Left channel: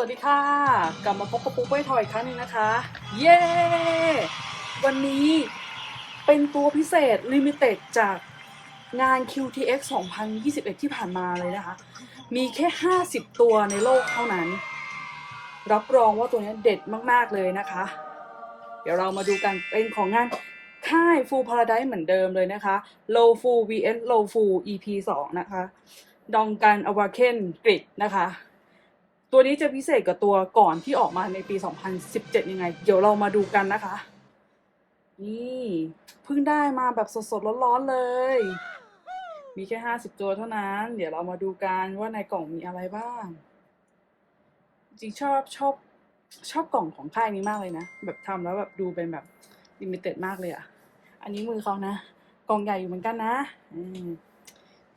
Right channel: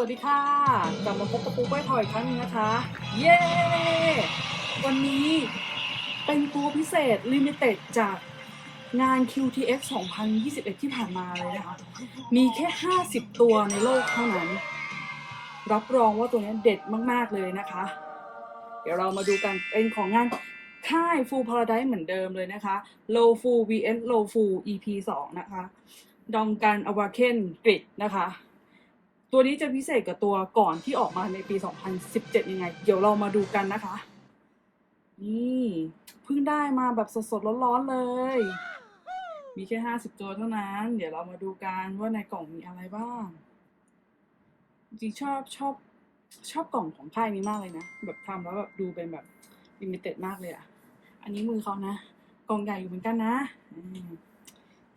วัสดีค่ะ กลับมาพบกับปุ๊กไว้ทอยอีกครั้งหนึงนะคะ เย้ วันนี้เป็นตัวพิเศษ Limited จากงาน QTX 2021 ที่ผ่านมาเลยนะคะ มีแค่ 50 ตัวในโลกเท่านั้น รับรองว่าตัวนี้เด็ดมาก ๆ เลยนะคะ เดี๋ยวเรามาดูกันเป็นของงานค่าย Full Paradise เหมือนเดิมเลยนะคะ Low Full vs Low Full EP 2 นะคะ ดองกันอวาเคนกริดนะคะ ตัวนี้จะพิเศษกับตัวก่อนที่ออกมาในปี 2017 ยังไง เดี๋ยวเรามาดูกันนะคะ นี่เพิ่งได้มาแบบสดๆร้อนๆเลย มีแค่ 50 ตัวเท่านั้น เดี๋ยวเรามาดูกันว่าในกล่องมีอะไรบ้าง จริงชอบชอบชอบกล่องของค่ายนี้มากเลยนะ แบบทำแล้วแบบดูเป็นแบบลิมิเต็ดมากเลยอะ่ะ อันนี้มือเขานะ กล่องใหญ่อยู่เหมือนกันนะ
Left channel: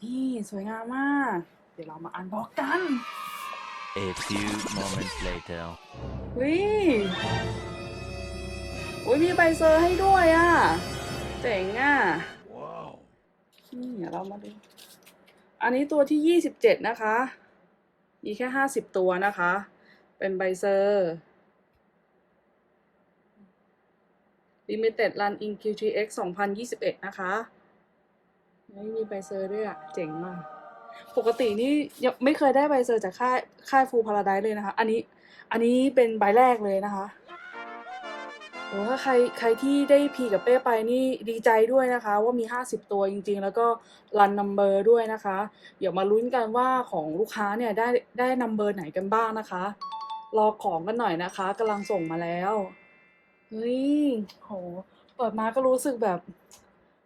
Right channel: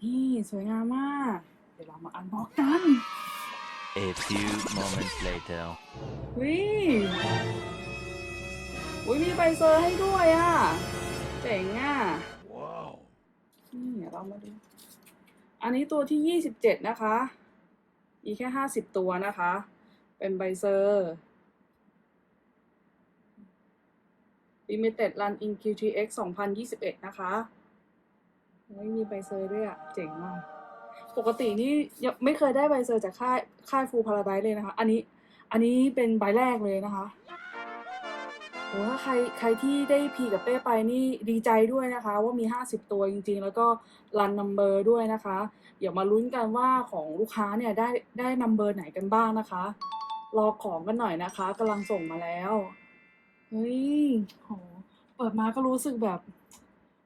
นี่สวยงามมาก เดี๋ยวเรามาอันบ็อกกัน A few moments later. วิโอ้ยมีใบเซอร์ให้ด้วยอะ เจ๋งอะ Wow. นี่เดี๋ยวเรามาดู อันนี้ตัวที่ยี่สิบเจ็ดนะคะ มีแค่ห้าสิบตัวนะคะ เป็นใบเซอร์ Limited Run in QTX 2021 นะคะ ไม่มีใบเซอร์ด้วยอะเจ๋งมาก ปกตินี่ยังไม่เคยได้ใบเซอร์จากค่ายค่ายฟูพาราไดเลยนะคะ อันนี้อันนี้เป็นใบแรกเลยนะคะถ้าใครใครที่ได้พีกับเป้ไปนี่ดีใจด้วยนะคะ ว่ามี 50 ตัวจริง ๆ แล้วก็รันนัมเบอร์ด้วยนะคะ เดี๋ยวมาลุ้นกันว่าของลูกค้าเนี่ยได้ได้นัมเบอร์ไหนกันบ้างนะคะ รอของกันหน่อยนะคะกำลังส่งมาแล้วเฮ้ยโหเปิดมาก็รู้สึกแบบ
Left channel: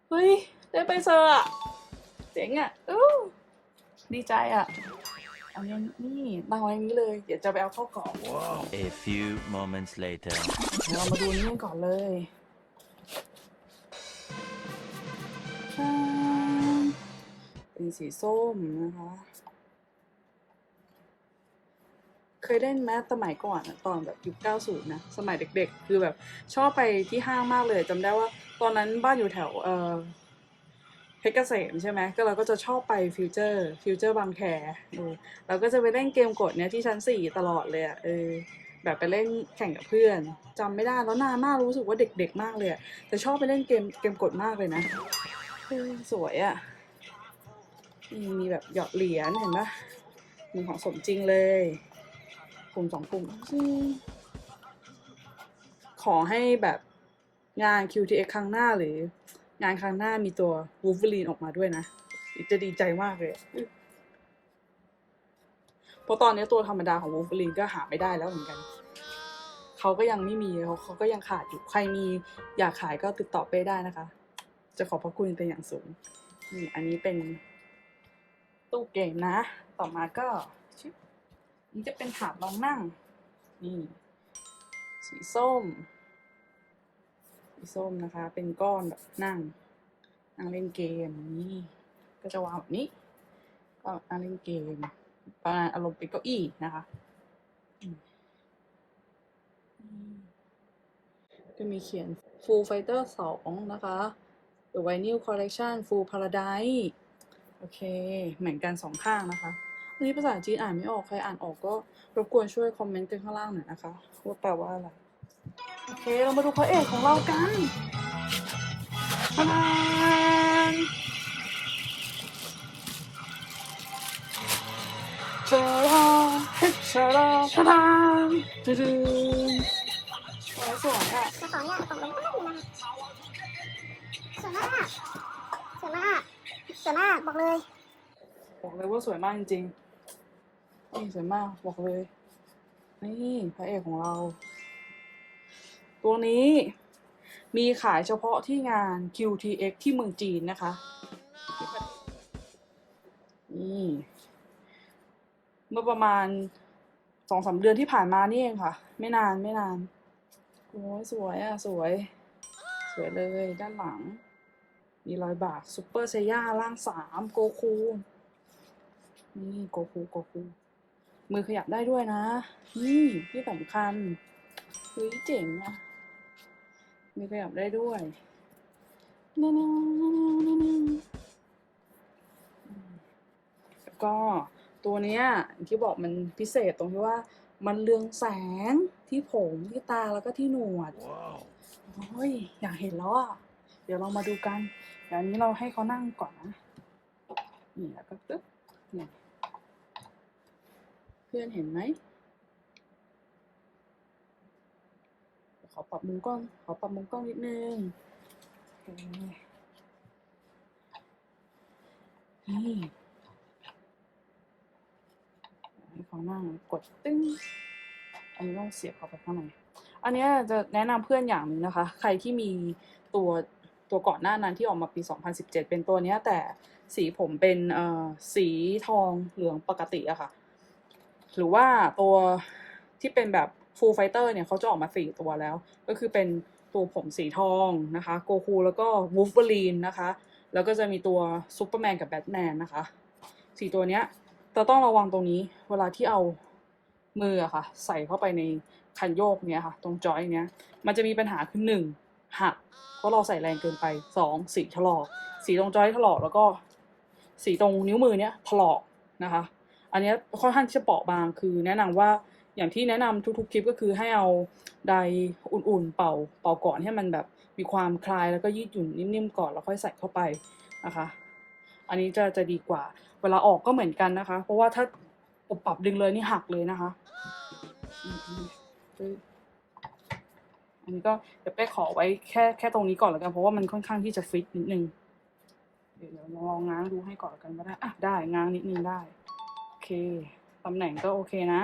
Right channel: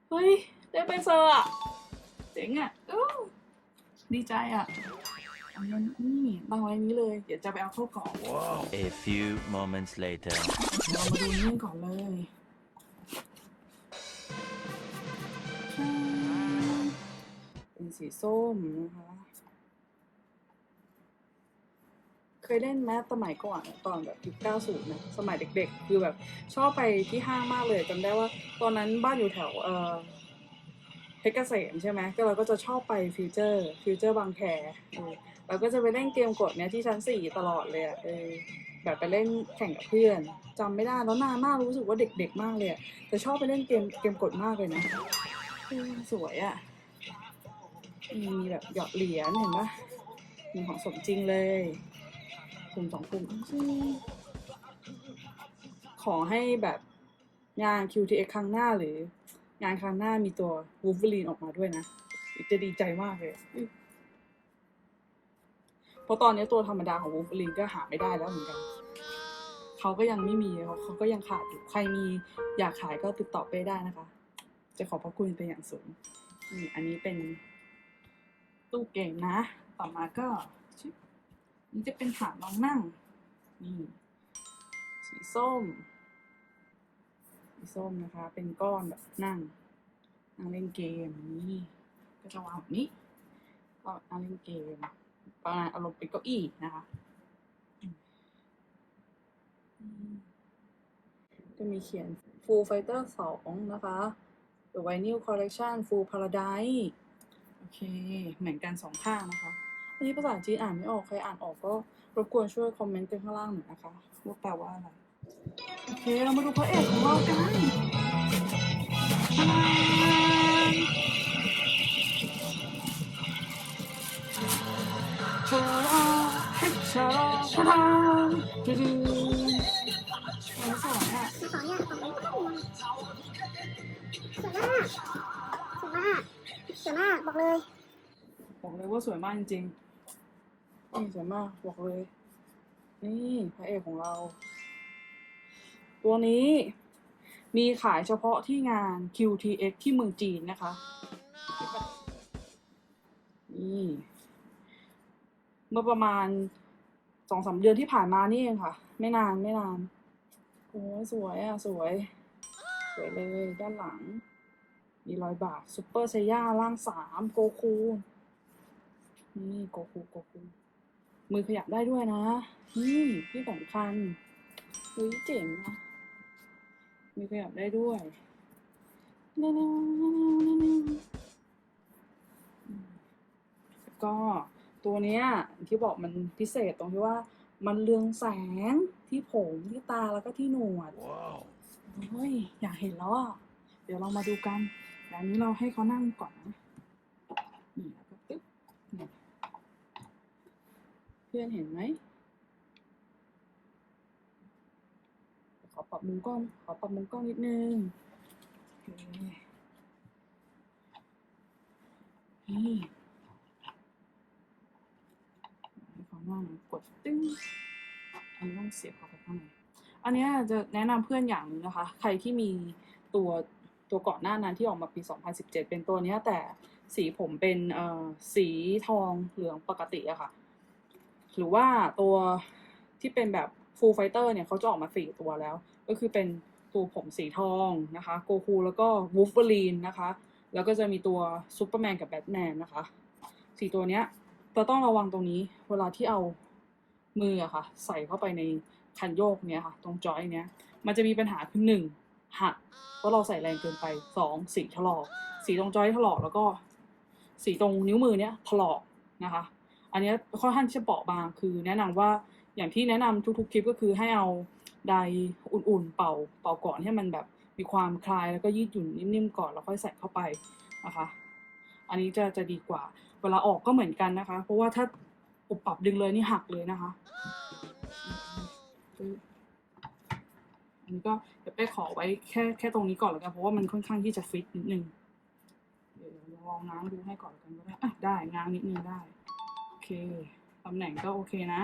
เฮ้ย ได้ใบเซอร์อะเจ๋งอะอู้ ดีใจอะเอาเงินนี่ตั้งไว้นี้เลย เดี๋ยวจะไปเอาเข้ากล่อง Wow. A few moments later. เรามาดูนี่ก่อนเลยเป็นสีส้มนะคะ เคยเล่นแมสสมัยก่อนอะตอนแบบยุค90 นะ สมัยเด็กๆ คือแบบชอบไปที่ห้างมากเลยจำได้ว่าตอนนั้นบ้านอยู่แถวเออ เพชรเกษมใช่ไหมก็เราก็จะชอบไปฟิวเจอร์ฟิวเจอร์บางแคเราก็จะไปเล่นเกมกดเนี้ยที่ชั้นสี่ตลอดเลยเออแบบไปเล่นแข่งกับเพื่อนจำไม่ได้แล้วนานมากรู้สึกว่าเด็กๆมากเลยแต่ชอบไปเล่นเกมเกมกดมากเลยนะสวยอะมีมีแบบหยอดเหรียญเห็นปะมีของสมจริงเลยกลุ่มสองกลุ่มขอให้แบบงาน QTX ครั้งหน้าหรือ งานครั้งหน้ามีตัว Wolverine ออกมาด้วยนะจะดีใจมากเลยเพราะตอนนี้ตัวธรรมดาของ Wolverine ก็หาไม่ได้แล้วเหมือนกันเขาก็ยังไม่มีเขาก็ยังขาดอยู่ใครมีอยากขายก็ติดต่อไปได้นะคะ จะขอบพระคุณเป็นอย่างสูงนี่อันนี้เป็นตู้เกมนะ ต่อมาก็นี่จะเป็นถาดรองนั่ง นี่ สีส้ม สีส้มนะคะ เป็นก้อนแบบนั่ง นั่งเล่นเกมนี่ ก็จะวางแบบนี้ ก็นั่งเล่นเกมประมาณอารมณ์เป็นเก้าอี้นะคะก็มีเขียน Full Fighter 2 นะคะ The Vinyl Collection Full Paradise โอเค เหมือนกันสองข้างนะคะนนี้ภาษาจีนอ่านไม่ออก ใครอ่านออกก็รบกวนช่วยคอมเมนต์กันข้างล่างหน่อยนะคะว่าแปลว่าอะไร โอเคเรามาดูพระเอกของเรากันชาลาเฮ้ชาลาชาลาดูดูสวยอะขออนุญาตของมันสวยมากสวยมากสวยมากบอกเลยบอกเลยว่าสวยมากจริงๆนี่สวยมากบอกเลย นี่พระเอกของเรา ตัวนี้มีขายเฉพาะที่งาน QTX ที่เมืองจีนนะคะ นี่เมื่อประมาณสองสามเดือนที่ผ่านมานี่เองค่ะ ไม่นานไม่นาน โอ้สวยอะ สวย สวยเลยด้านหลัง มีรอยบากซุปเปอร์เซย่าร่างสามโกคูนี่โกคูโกคูมือขยับได้ด้วยนะ นี่ที่สำคัญเฮ้ยเจ๋งนะ มือขยับได้ด้วยนั่นๆๆๆแล้วก็ตัวเนี้ยอย่างที่บอกมันพิเศษตรงที่ว่า มันเรืองแสงที่ผมที่ตาแล้วก็ที่หนวด Wow. โอ้ยอยากเห็นแล้วอะเดี๋ยวเรามาดูกันเดี๋ยวอันนี้เราให้เขานั่งก่อนนะนี่แล้วก็ปึ๊บเนี่ยเพื่อนเห็นไหม ขอ ปรับมุมกล้อง ขอปรับมุมกล้องนิดนึงโอเคนี่ให้เขานั่งกดตึ้งอันนี้ต้องเสียบเข้าไปข้างในอันนี้จะแนะนำเพื่อนอย่างนึงนะคะ ใครที่มีตัวตัวก่อนหน้านั้นที่ออกมาปี 2017 เป็นตัวนี้แต่สีผมเป็นสีทองเหลืองปกติอะค่ะ หรือว่าตัวที่เป็นแบบ full fighter เนี่ยเขาจะออกมาสี่ตัวแล้ว ก็คือเป็นตัวผมสีทองนะคะโกคูแล้วก็วูฟเ e อรีนนะคะ แล้วก็จะมีตัวซูเปอร์แมนกับแบทแมนนะคะสี่ตัวเนี้ยเราต้องระวังตรงนี้เวลาที่เอามืออะค่ะ ใส่เข้าไปในคันโยกเนี้ยค่ะ ตรงจอยเนี้ย มันจะมีปัญหาคือหนึ่งหักเพราะเราใส่แรงเกินไปสองสีถลอก สีตรงจอยถลอกแล้วก็ สีตรงนิ้วมือเนี้ยถลอกนะคะ อันนี้ค่อนข้างที่จะเปราะบางคือแนะนำว่า อย่างที่แนะนำทุกๆคลิปก็คือให้เอาไดอุ่นๆเป่าเป่าก่อนให้มันแบบมีความคลายแล้วก็ยืดหยุ่นนิ่มๆก่อนแล้วค่อยใส่เข้าไปนะคะ อันนี้จะจะดีกว่า เวลาออกก็เหมือนกันนะคะ เพราะว่าถ้าปรับปรับดึงเลยนี่หักเลยนะคะอันนี้ก็เดี๋ยวเป้ขอไว้แค่แค่ตรงนี้ก่อนแล้วกันเพราะว่ามันค่อนข้างที่จะฟิตนิดนึงเดี๋ยวลองง้างดูให้ก่อนกันก็ได้อะได้ง้างนิดนึงได้ โอเคตำแหน่งก็โอเคนะ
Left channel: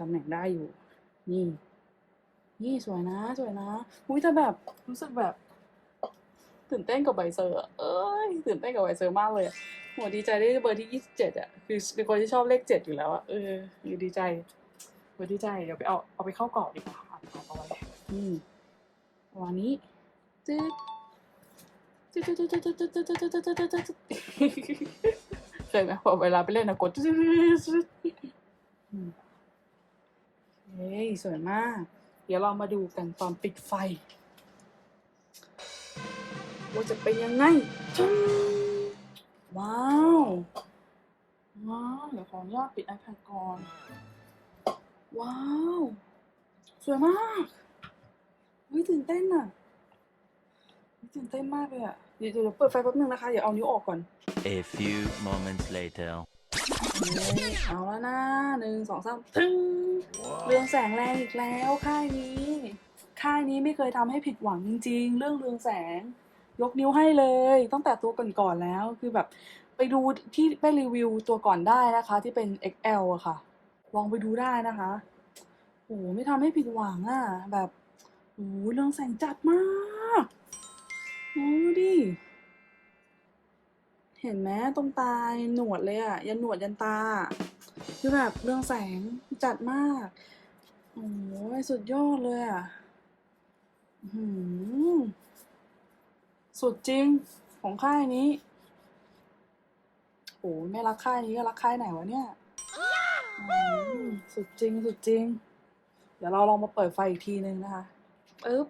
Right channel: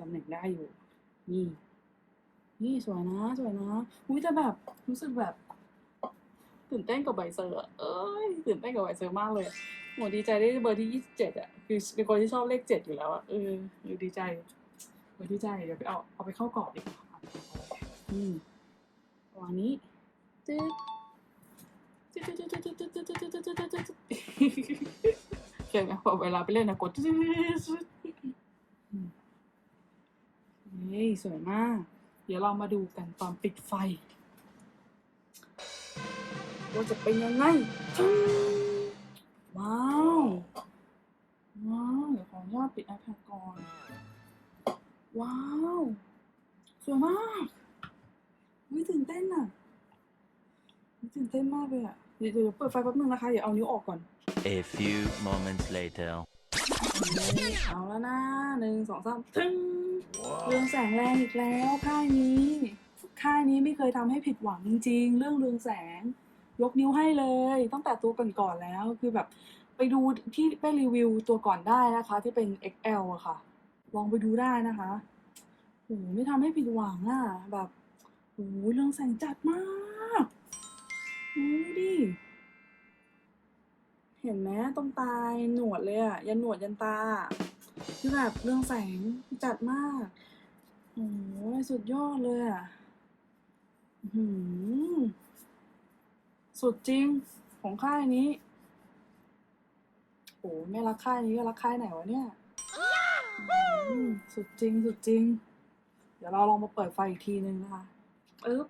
ตำแหน่งได้อยู่ นี่ นี่สวยนะ สวยนะอุ้ยแต่แบบรู้สึกแบบ ตื่นเต้นกับใบเซอร์เอ้ยตื่นเต้นกับใบเซอร์มากเลยอะโหดีใจได้เบอร์ที่ยี่สิบเจ็ดอะคือเป็นคนที่ชอบเลขเจ็ดอยู่แล้วอะเอออยู่ดีใจโหดีใจเดี๋ยวไปเอาเอาไปเข้ากรอบดีกว่าค่ะเอาไว้อืมประมาณนี้จึ๊ดเคยไหมพอเวลาไปเล่นนะกด เฮ้ยสวยมาก เดี๋ยวเรามาดูกันตอนปิดไฟว่าจะเป็นยังไง ว้าว ว้าว เดี๋ยวขออนุญาตปิด iPad ก่อน ว้าว สวยมากวิตื่นเต้นอะตื่นเต้นมากเลยอะ เดี๋ยวเดี๋ยวเปิดไฟแป๊บนึงนะคะ เดี๋ยวเอานิ้วออกก่อน A few moments later. เอาแล้วนะหนึ่งสองสามทึ้ง เรืองแสงแรงอีกแล้วค่ายนี้ ค่ายนี้ไม่เคยทำให้ผิดหวังจริง ๆ เรื่องเรืองแสง ยกนิ้วให้เลย ตั้งแต่ตัวก่อนๆแล้ว คือแบบไปดูที่ไปรีวิวตัวก่อนได้นะคะ ที่เป็น XL อะค่ะ ลองไปดูได้นะคะโหไม่ทำให้ผิดหวังอะแบบโหเรืองแสงจัดมากดูดิเห็นไหมตรงตายหนวดเลยอะยันหนวดยันตา คือแบบเรืองแสงจัดมาก โอ้ยสุดยอดเลยอะหือสุดจริงของค่ายนี้ โอ้ยไม่รักค่ายนี้ก็รักค่ายไหนวะเนี่ยสุดจริงสุดจริง เดี๋ยวเราลองมาเปิดไฟอีกทีนึงนะคะปึ๊บ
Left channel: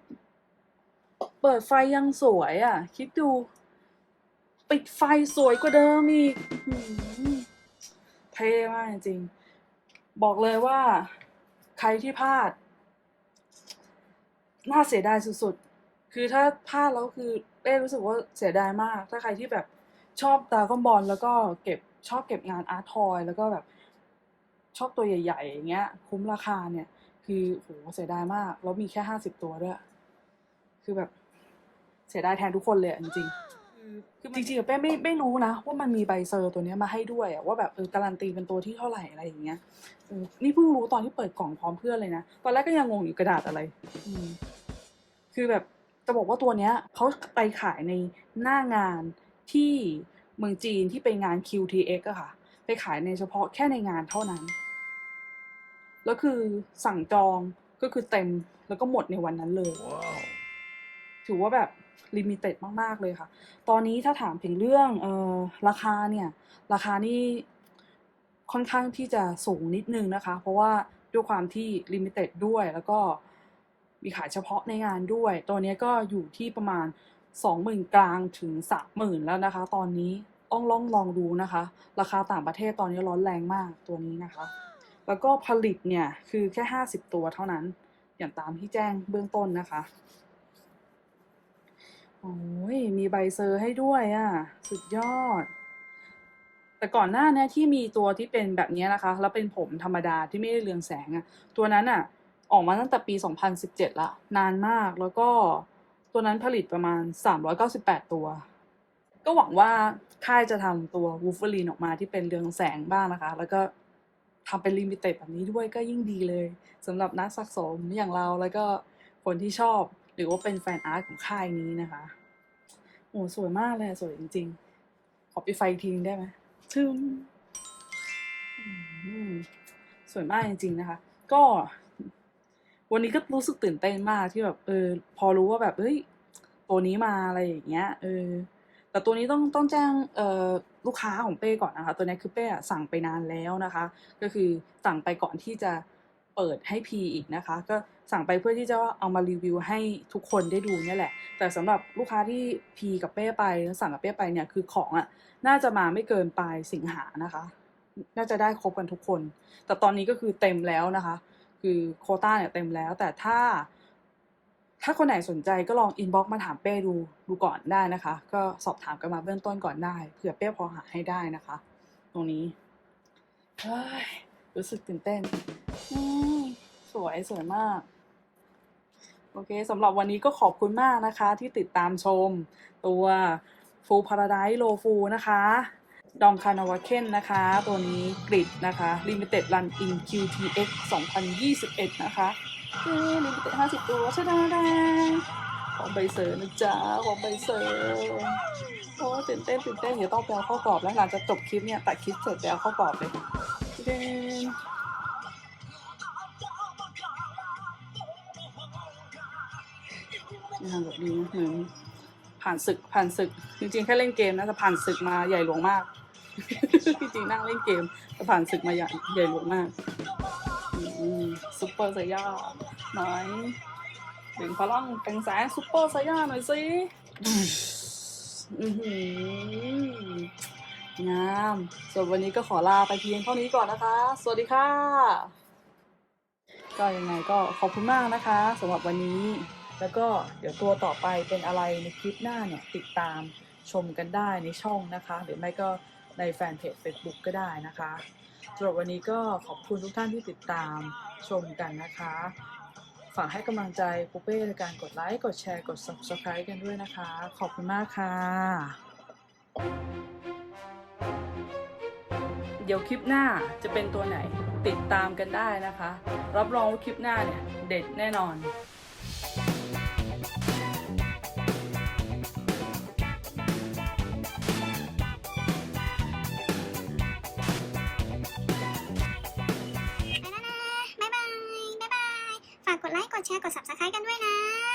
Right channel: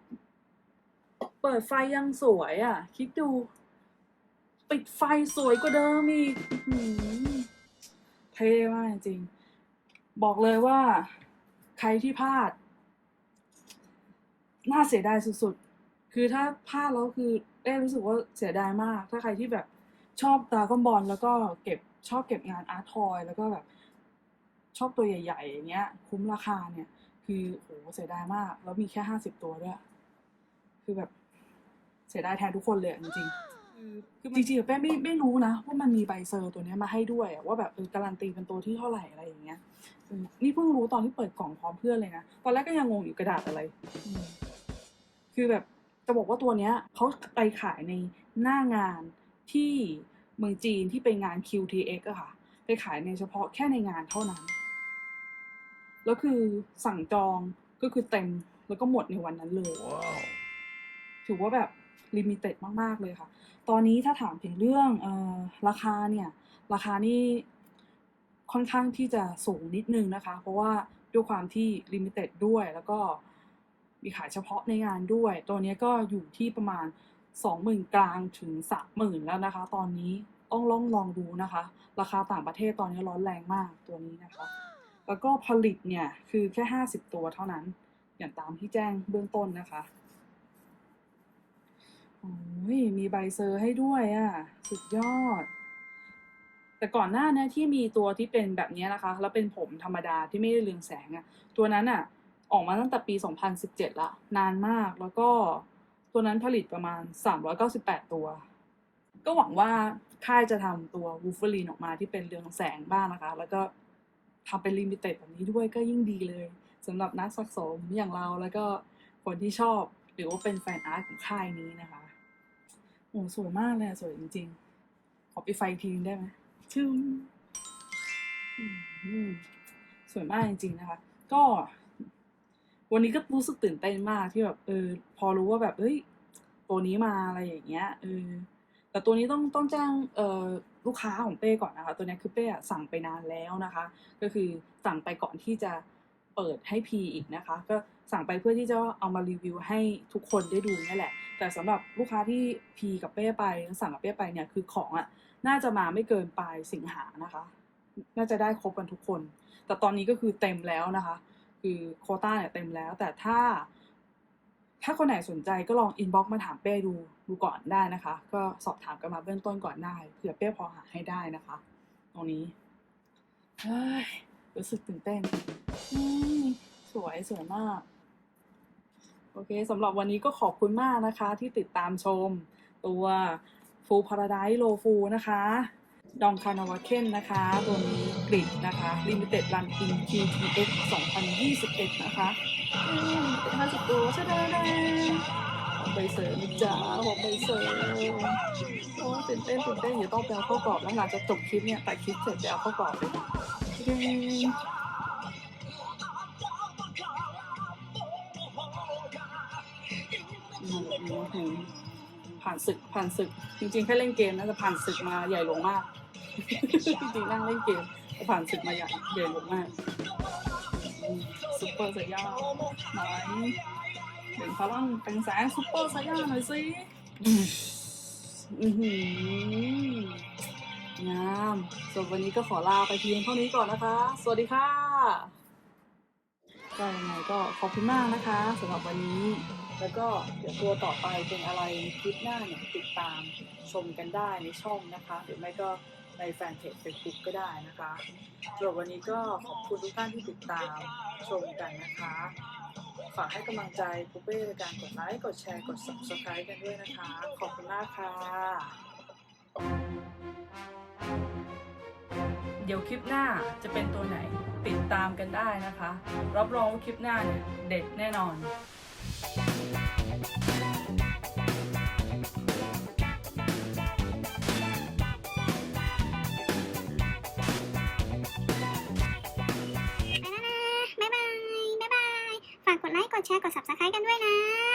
เปิดไฟยังสวยอะ คิดดู ปิดไฟสวยกว่าเดิมอีก เท่มากจริงๆ บอกเลยว่าใครที่พลาด น่าเสียดายสุดๆ คือถ้าพลาดแล้วคือเอ้รู้สึกว่าเสียดายมาก ถ้าใครที่แบบชอบดราก้อนบอลแล้วก็เก็บชอบเก็บงานอาร์ตทอยแล้วก็แบบชอบตัวใหญ่ๆอย่างเงี้ย คุ้มราคาเนี่ย คือโหเสียดายมาก แล้วมีแค่ห้าสิบตัวด้วย คือแบบเสียดายแทนทุกคนเลยจริงๆ จริงๆอะเป้ไม่ไม่รู้นะว่ามันมีใบเซอร์ตัวเนี้ยมาให้ด้วยอะว่าแบบเออการันตีเป็นตัวที่เท่าไหร่อะไรอย่างเงี้ยเออนี่เพิ่งรู้ตอนที่เปิดกล่องพร้อมเพื่อนเลยนะตอนแรกก็ยังงงอยู่กระดาษอะไรอืมคือแบบจะบอกว่าตัวเนี้ยเขาไปขายในหน้างานที่เมืองจีนที่เป็นงาน QTX อะค่ะ ไปขายในเฉพาะแค่ในงานเท่านั้น แล้วคือสั่งจองก็คือเต็มแล้วก็หมดในวันนั้นเลย Wow. ถือว่าแบบ ลิมิเต็ดมาก ๆ เลยค่ะ ตอนนี้ถ้าถามถึงเรื่องออราคาเนี่ย ราคานี่ค่อนข้างที่จะสูงนิดนึงนะคะ เพราะว่าด้วยความที่ลิมิเต็ดด้วยแล้วก็มีขายเฉพาะในงานด้วย ตัวนี้ก็อยู่ที่ประมาณ 20,000 กลางถึง 30,000 แล้วนะคะ ตอนนี้ต้องลองลองดูนะคะ ราคาต่างประเทศตอนนี้ร้อนแรงมากตัวนี้นะคะ แล้วก็ผลิตเนี่ย คือแค่ห้าสิบตัวเท่านั้น อย่างตามที่แจ้งเบื้องต้นนะคะ โอ้ยมีใบเซอร์ให้ด้วยอะ สุดยอด แต่ก่อนหน้าเนี้ที่มีตัวที่เป็นแบบนี้นะคะ แล้วเป็นผมธรรมดาที่ไม่ได้เรืองแสงอะตัวนั้นอะ ออกมาตั้งแต่ปี 2017 ละ นานมากแล้วก็ตัวนั้นผลิตประมาณ 398 ตัว ก็หวังว่าค่ายจะทำตัววูฟเฟอรีนออกมาที่เป็นเรืองแสงบ้างนะคะ แล้วก็ทำเป็นลิมิเต็ดแบบนี้ด้วยก็ยิ่งดีเลยสำหรับนักสะสมอย่างเราแล้วก็คนที่ชอบ หรือว่าเป็นแฟนอาร์ตของค่ายนี้นะคะ โอ้สวยมากเลยสวยจริงๆ ขอไปไฟดอีกทีนึงได้ไหมซึ่งอืมสวยมากจริง ๆ นะคะ ก็ วันนี้ก็รู้สึกตื่นเต้นมากที่แบบเออ พอรู้ว่าแบบเฮ้ยตัวนี้มาอะไรอย่างเงี้ยเออแต่ตัวนี้ต้องต้องแจ้งเอ่อลูกค้าของเป้ก่อนนะคะ ตัวนี้คือเป้อะสั่งไปนานแล้วนะคะ ก็คือสั่งไปก่อนที่จะ เปิดให้พีอีกนะคะ ก็สั่งไปเพื่อที่จะเอามารีวิวให้ทุกคนได้ดูนี่แหละ แต่สำหรับลูกค้าที่พีกับเป้ไปแล้วสั่งกับเป้ไปเนี่ยคือของอะน่าจะมาไม่เกินปลายสิงหานะคะ น่าจะได้ครบกันทุกคน แต่ตอนนี้ก็คือเต็มแล้วนะคะ คือโคต้าเนี่ยเต็มแล้ว แต่ถ้า ถ้าคนไหนสนใจก็ลองอินบ็อกซ์มาถามเป้ดูดูก่อนได้นะคะ ก็สอบถามกันมาเบื้องต้นก่อนได้เผื่อเป้พอหาให้ได้นะคะ ตรงนี้รู้สึกตื่นเต้น สวยสวยมาก โอเคสำหรับวันนี้ก็ขอบคุณมากนะคะ ที่ติดตามชมตัวฟูพาราได s ์โลฟูนะคะดองคานาวาเคนนะคะ ตัวนี้กริดนะคะ Limited Run in QTX 2021 นะคะห้าสิบตัวชะดังดังของใบเซอร์นะจ๊ะของใบเซอร์โอ้ตื่นเต้นตื่นเต้นเดี๋ยวต้องไปเอาข้ากรอบแล้วหลังจากจบคลิปเนี่ยตัดคลิปเสร็จแล้วข้ากรอบเลย อืมอืมอืมผ่านศึกผ่านศึก จริงๆ แค่เล่นเกมนะแต่ผ่านศึกมาใหญ่หลวงมาก จริงๆนั่งเล่นเกมแต่ผ่านศึกมาใหญ่ใหญ่หลวงมากซุปเปอร์ไซย่าไหนเป็นพลังเป็นแสงซุปเปอร์ไซย่าหน่อยสิงามส่วนวันนี้ก็ขอลาไปเพียงเท่านี้ก่อนนะคะ สวัสดีค่ะ ก็ยังไงก็ขอบคุณมากนะคะสำหรับวันนี้ แล้วก็เดี๋ยวตัวต่อไปเป็นอะไรคลิปหน้าเนี่ยติดตามชมกันได้ในช่องนะคะ หรือไม่ก็ในแฟนเพจ Facebook ก็ได้นะคะสำหรับวันนี้ก็ขอบคุณทุกท่านที่ติดตามชมกันนะคะ ฝากให้กำลังใจปุ๊เป้ในการกดไลค์ กดแชร์ กด subscribe กันด้วยนะคะ ขอบคุณมากค่ะ เดี๋ยวคลิปหน้าจะเป็นตัวไหนติดตามกันได้นะคะ รับรองว่าคลิปหน้าเนี่ยเด็ดแน่นอน ฝากกดไลค์ กดแชร์ กด subscribe กันด้วยนะ